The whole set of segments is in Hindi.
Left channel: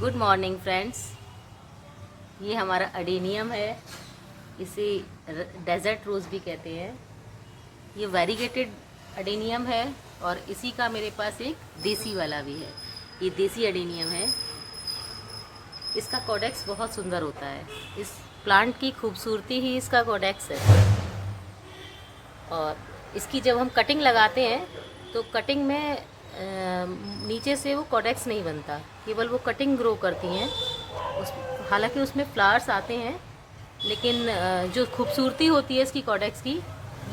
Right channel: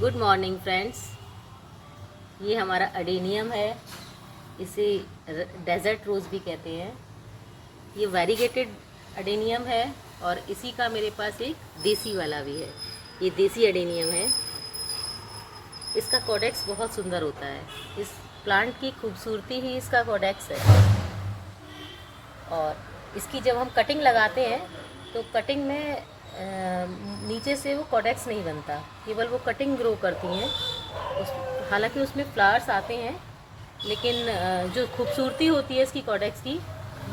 Good morning friends. ये हमारा अडेनियम है, इसे डेजर्ट रोज़ भी कहते हैं। ये वेरीगेटेड अडेनियम है और इसी का मेरे पास एक देसी वाला भी है। ये देसी अडेनियम है। इसका कोडेक्स बहुत सुंदर होता है। इस प्लांट की खूबसूरती ही इसका कोडेक्स है। और इसकी जब हम कटिंग लगाते हैं तो कटिंग में नीचे से वो कोडेक्स नहीं बनता, केवल वो कटिंग ग्रो करती हैं। हालांकि उसमें फ्लावर्स आते हैं, लेकिन जो खूबसूरती होती है इसकी कोडेक्स की,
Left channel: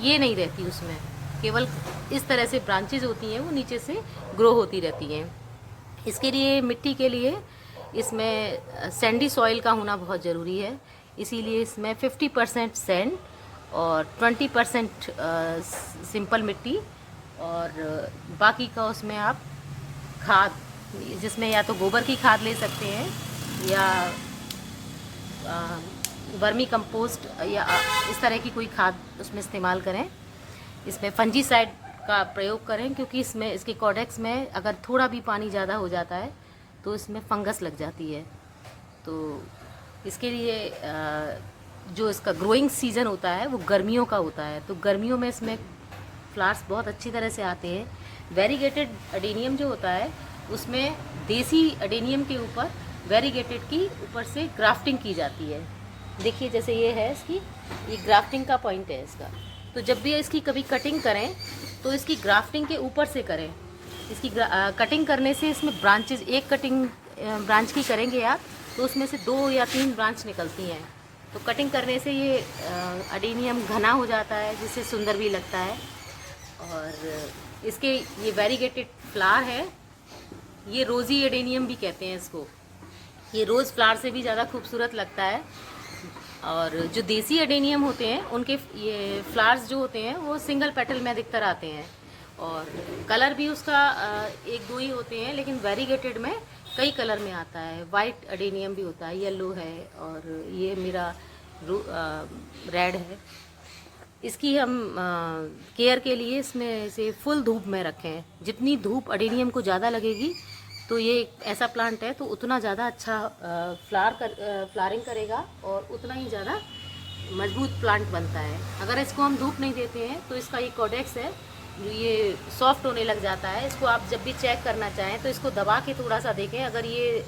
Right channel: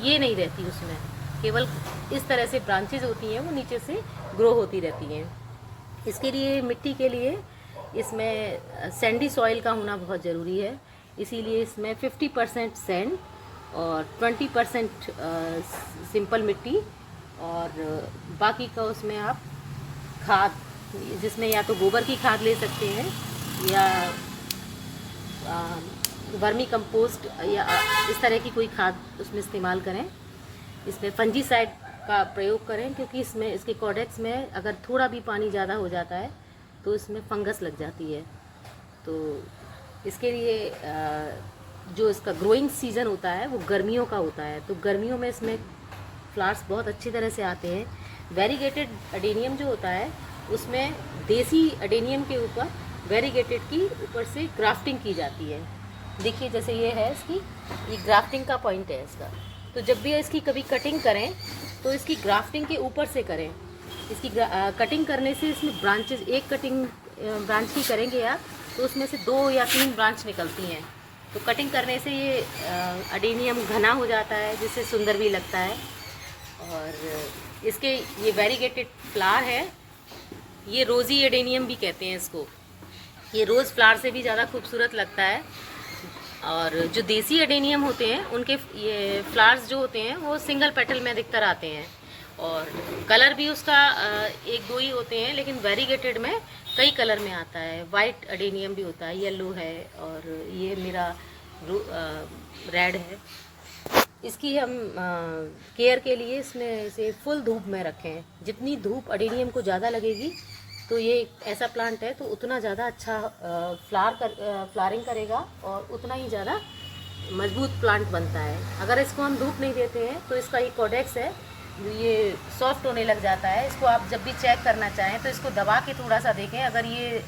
ये नहीं रहती उसमें। केवल इस तरह से ब्रांचेज होती हैं, वो नीचे से ग्रो होती रहती हैं। इसके लिए मिट्टी के लिए इसमें सैंडी सॉइल का होना बहुत ज़रूरी है। इसीलिए इसमें 50% सैंड और 20% सिंपल मिट्टी और बाकी का उसमें आप खाद, जिसमें या तो गोबर की खाद ले सकते हैं या वर्मी कंपोस्ट या इस तरह की कोई खाद उसमें इस्तेमाल करें। इसमें फंजीसाइड का प्रयोग करें, क्योंकि इसमें इसके कोडेक्स में अगर थोड़ा भी पानी ज़्यादा हो जाता है तो इसमें फंगस लग जाती है। तो इसके लिए जो इसका ग्रोइंग सीज़न होता है वो गर्मियों का होता है, तो गर्मियों में इसमें फ्लावर्स बहुत अच्छी तरह से आते हैं। वेरीगेटेड अडेनियम जो होता है उसमें देसी अडेनियम के ऊपर वेरीगेटेड की ऊपर से ग्राफ्टिंग की जाती है। देखिए जैसे ये है इसकी, ये ग्राफ्टिंग का पॉइंट है इसका। तो जब भी इसकी कभी कटिंग करें तो इसकी ग्राफ्टिंग के ऊपर से करें। इसकी कटिंग करने से इसमें ब्रांचेज, एक कटिंग ब्रांच की करेंगे आप तो उसमें से 2 या 3 ब्रांच निकलती हैं। तो कटिंग करने से ये अडेनियम घना हो जाता है, जिससे सुंदर भी लगता है। और इसके ये वेरीगेटेड फ्लावर है, ये रोज़ी एडेनियम भी कहते हैं इसको। ये रोज़ फ्लावर से भी ज़्यादा खूबसूरत लगता है। और जो देसी एडेनियम होते हैं उनके ये फ्लावर्स जो होते हैं वो सिंगल पेटल में अधिकतर आते हैं और कलर भी उसका 1-2 ही होते हैं, लेकिन वेरीगेटेड में कई कलर में आता है। वाइट एडेनियम भी होता है, येलो है और ये मेरा रेड है। इसकी हम केयर के लिए इसमें इसे फुल धूप में रखें। जितनी धूप अडेनियम को ज़्यादा लगेगी तो ये ऐसा प्लांट है तो उतना ज़्यादा अच्छा फ्लावरिंग करेगा और उतना ही ज़्यादा मजबूत प्लांट बनता है। अगर इसको हम धूप नहीं देते हैं तो इसका ये कोडेक्स है ये सॉफ्ट होने लग जाता है। इसको आप जब भी चेक करना चाहें तो इसको दबा के थोड़ा सा देखें, अगर ये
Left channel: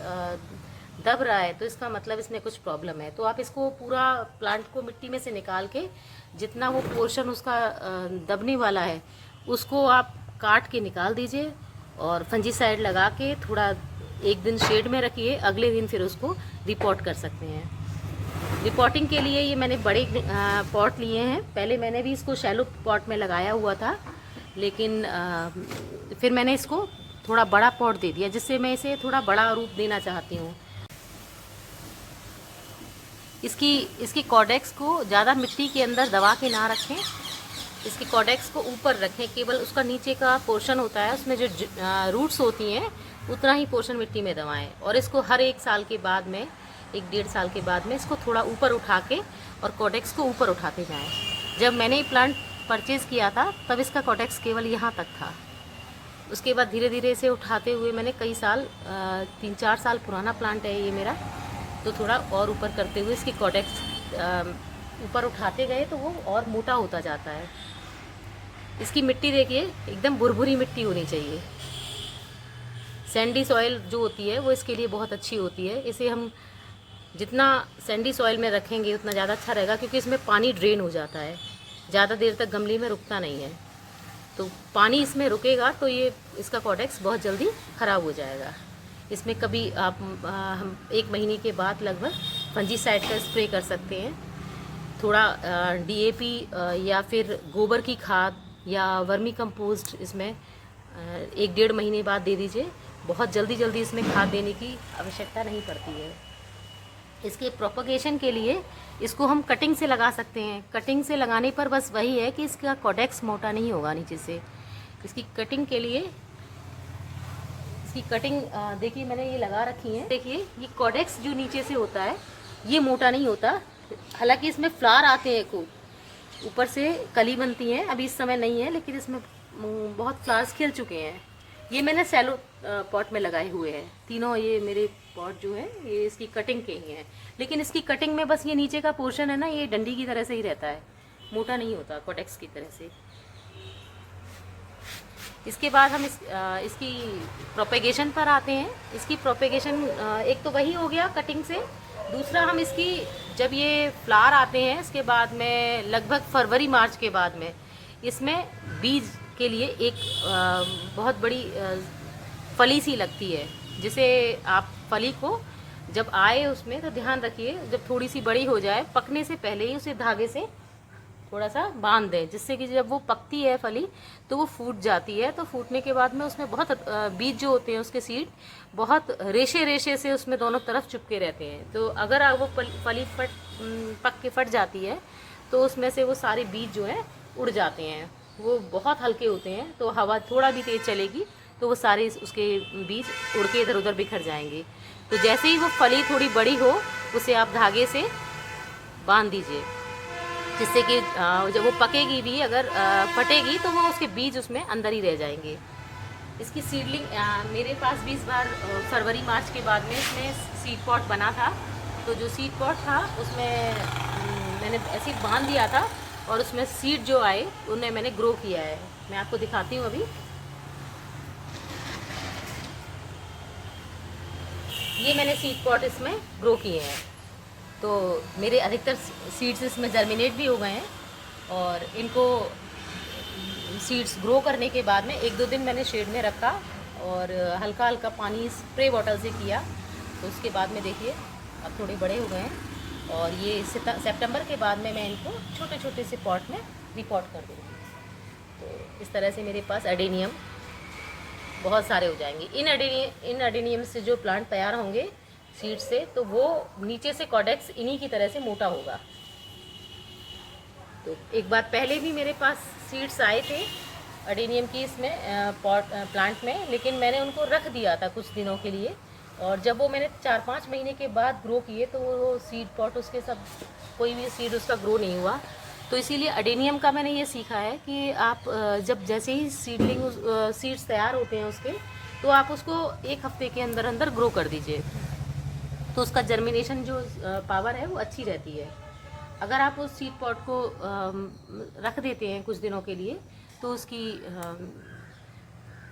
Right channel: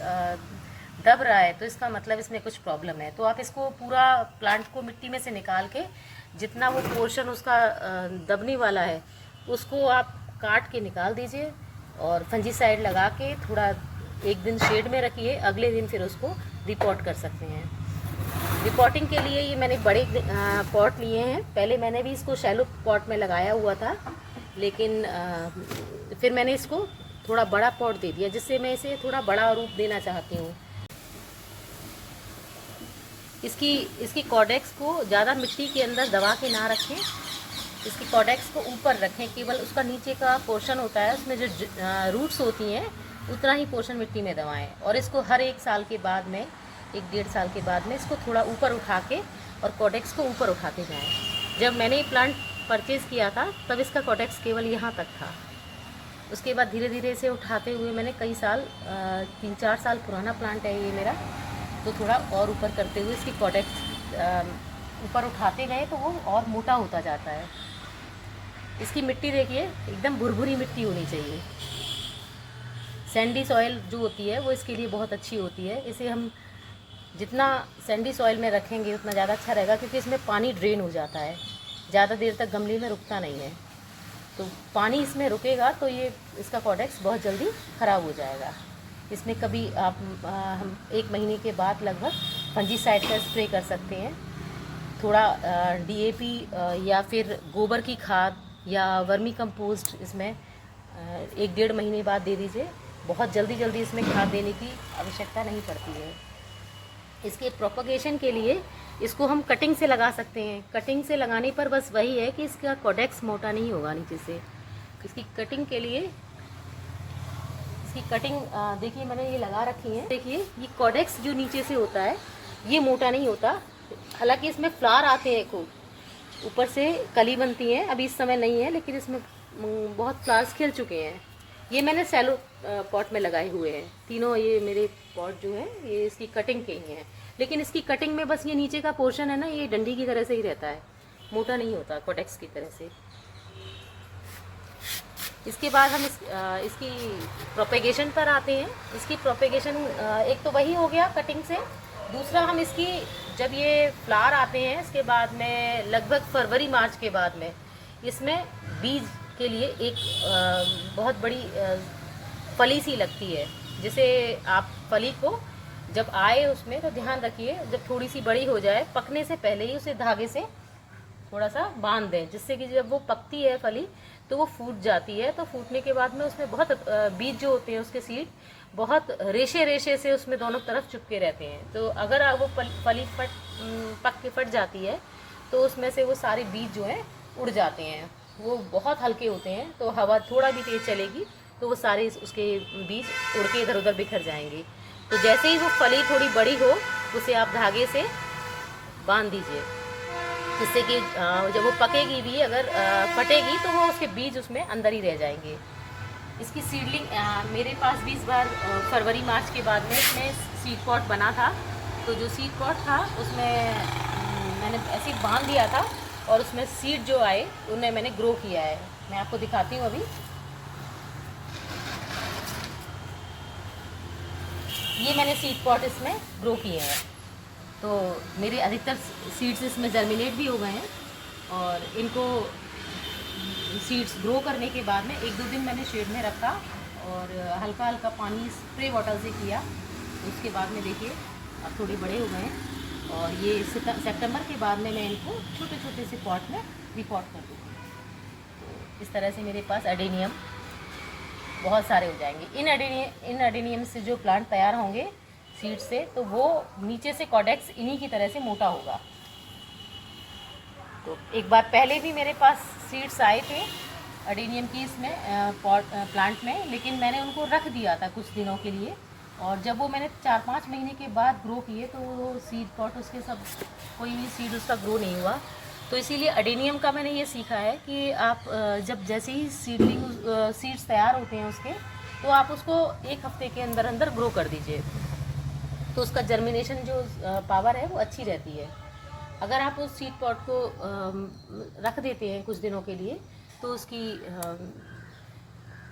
दब रहा है तो इसका मतलब इसमें कुछ प्रॉब्लम है। तो आप इसको पूरा प्लांट को मिट्टी में से निकाल के जितना वो पोर्शन उसका दबने वाला है उसको आप काट के निकाल दीजिए और फंजीसाइड लगा के थोड़ा 1 दिन शेड में रखिए। अगले दिन फिर उसको रिपोर्ट कर सकते हैं। रिपोर्टिंग के लिए ये मैंने बड़े पॉट लिए हैं। पहले मैंने भी इसको शैलो पॉट में लगाया हुआ था, लेकिन फिर मैंने इसको थोड़ा बड़ा पॉट दे दिया, जिससे मैं इसे थोड़ा बड़ा रूप देना चाहती हूँ। इसकी कोडेक्स को ज़्यादा मिट्टी के अंदर दबा के ना रखें। इसकी कोडेक्स को ऊपर रखें, केवल उसका नीचे का पोर्शन होता है उसमें जो रूट्स होती हैं उतना ही पोर्शन मिट्टी में दबाएं। और इसको हर 1 साल के बाद में, 1-1.5 साल के बाद में इसको थोड़ा ऊपर उठा के और कोडेक्स को ऊपर उठाते जाएं। जब मैंने ये प्लांट परचेज़ किया था तब इसका कोडेक्स केवल यहाँ तक था। उसके बाद धीरे धीरे इसे उठाते हुए मैंने कई साल, 3-4 साल पुराना प्लांट है ये मेरा, तो थोड़ा और ऊपर करते हुए इसकी कोडेक्स ऊपर उठाते गए तो वो और मोटा होता जाता है। इसकी मिट्टी देखिए एकदम भुरभुरी मिट्टी होनी चाहिए। सैंडी सॉइल जो होती है वो इसके लिए बहुत अच्छी होती है। इसे हम जितना सैंडी सॉइल में रखेंगे उतना ज़्यादा अच्छा रहेगा, क्योंकि इसमें पानी ड्रेन हो जाता है, ज़्यादा देर तक गमले में रुकता नहीं है। तो पानी इसमें रुकेगा तो ये इसका कोडेक्स बहुत जल्दी ख़राब हो जाएगा। इसमें कभी आप हम 1 महीने के बाद लगभग फंजीसाइड का स्प्रे कर सकते हैं। थोड़ा DAP या फिर गोबर की खाद या वर्मी कंपोस्ट इसमें 1-1.5 महीने बाद दे दीजिए। बहुत जल्दी इसमें खाद देने की आवश्यकता नहीं पड़ती है। इसके प्रोपगेशन के लिए इसको हम कटिंग से लगा सकते हैं। कटिंग से लगाने पर बस वही है कि इसका कोडेक्स मोटा नहीं होगा नीचे से। इसकी कटिंग के लिए, इसकी कटिंग देखिए मैंने ये लगा रखी है। देखिए ये कोडेक्स जो नीचे से होता है ये मोटा नहीं होता। हालांकि इसमें फ्लावर आते हैं, खूब ऊपर से कली बनती है, अभी इस समय नहीं है, लेकिन इसमें बहुत फ्लावर्स खिल चुके हैं। ये मैंने सैलो पॉट में लगाए हुए हैं तीनों। ये मेरे पॉट जो है ये इसकी कटिंग के ही हैं, लेकिन इसकी कटिंग में बस ये नीचे का पोर्शन है ना, ये डंडी की तरह से ही रहता है, मोटा नहीं होता कोडेक्स की तरह से। इसके बाद हम इसकी प्रोपेगेशन पर आते हैं। इसकी प्रोपेगेशन एक तो वही हो गया कटिंग से, दूसरा हम इसकी जब ये फ्लावर आते हैं इसके बाद में लगभग फरवरी मार्च के बाद में इसमें बीज के लिए एक बहुत बड़ी फली सी लगती है, जिसे आप फली को जब आए उसमें तो ध्यान रखिए जब थोड़ी सी बड़ी हो जाए पकने से पहले ही उसे धागे से थोड़ा सा बांध दें, जिससे कि जब वो पकती है फली तो वो फूट जाती है। तो फूटने के बाद में उसमें बहुत बीज जो होते हैं उसके सीड बहुत रेशे रेशे से उसमें दोनों तरफ चिपके रहते हैं। तो अगर वो फली पक के फट जाती है तो उसमें से वो सारे बीज जो है उड़ जाते हैं, वो बहुत हल्के होते हैं। तो हवा थोड़ा भी तेज चलेगी तो वो सारे उसके बीज उड़ के इधर उधर बिखर जाएंगे। तो जैसे ही वो फली थोड़ी बड़ी हो उसे आप धागे से बांध दीजिए, जिससे कि जब वो पकेगी भी अगर फटेगी तो वो उसके बीज उसमें अंदर ही रह जाएंगे। इसकी सीडलिंग मेरे पास भी इस बार फरवरी मार्च के बाद में इसमें सीड पॉट बना था। तो जो सीड पॉट था उसमें मैंने ऐसे बांध दिया था और उसमें सीड जो आए उन्हें मैंने ग्रो किया है। मैं आपको दिखाती हूँ अभी। ये मैंने सीड पॉट इसमें ग्रो किए हैं। तो मेरे अधिकतर सीड्स इसमें जर्मिनेट भी हो गए हैं और इनको सीड्स ग्रो करने के बाद में 1-2 दिन मैंने शेड में रखा और हल्का हल्का पानी स्प्रे बॉटल से किया। तो उसके बाद में देखिए अब थोड़े बड़े हो गए हैं और ये सितंबर के बाद में मैं इनको छोटे छोटे से पॉट में रिपॉट कर दूँगी। तो इस तरह से मेरे पास एडेनियम बहुत सारे हो जाएंगे। इन एडेनियम से जो प्लांट तैयार होंगे सीड से, तो वो नीचे से कॉडेक्स इन्हीं की तरह से मोटा होगा। तो एक बार पहले भी मेरे पास सीड्स आए थे एडेनियम की इसमें प्लांट में, लेकिन मैंने उनको रख दिया था कुछ दिनों के लिए और जब वो मैंने 4-5 महीने के बाद ग्रो किए तो वो सीड पॉट उसके सब कोई भी सीड उसका ग्रो नहीं हुआ। तो इसीलिए एडेनियम का मैंने ये सीखा है कि आप जब जैसे ही सीड्स तैयार होते हैं उसके, तो आप उसको 1 हफ्ते के अंदर अंदर ग्रो कर दीजिए, तो उसका जर्मिनेशन जो पावर है वो अच्छी रहती है। अगर आप उस सीड पॉट को रख देते हैं कुछ दिनों के लिए तो उसकी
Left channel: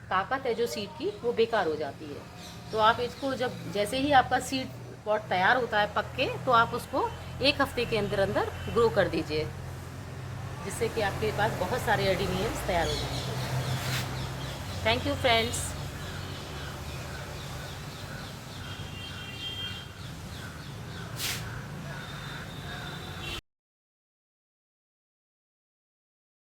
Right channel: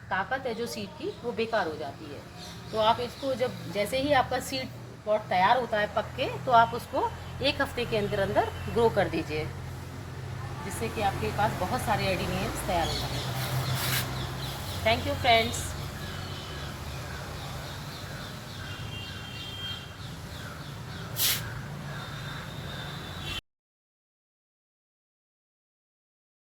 ताकत है जो सीड की वो बेकार हो जाती है। तो आप इसको जब जैसे ही आपका सीड पॉट तैयार होता है पक के, तो आप उसको 1 हफ्ते के अंदर अंदर ग्रो कर दीजिए, जिससे कि आपके पास बहुत सारे एडेनियम्स तैयार हो जाएंगे। Thank you friends.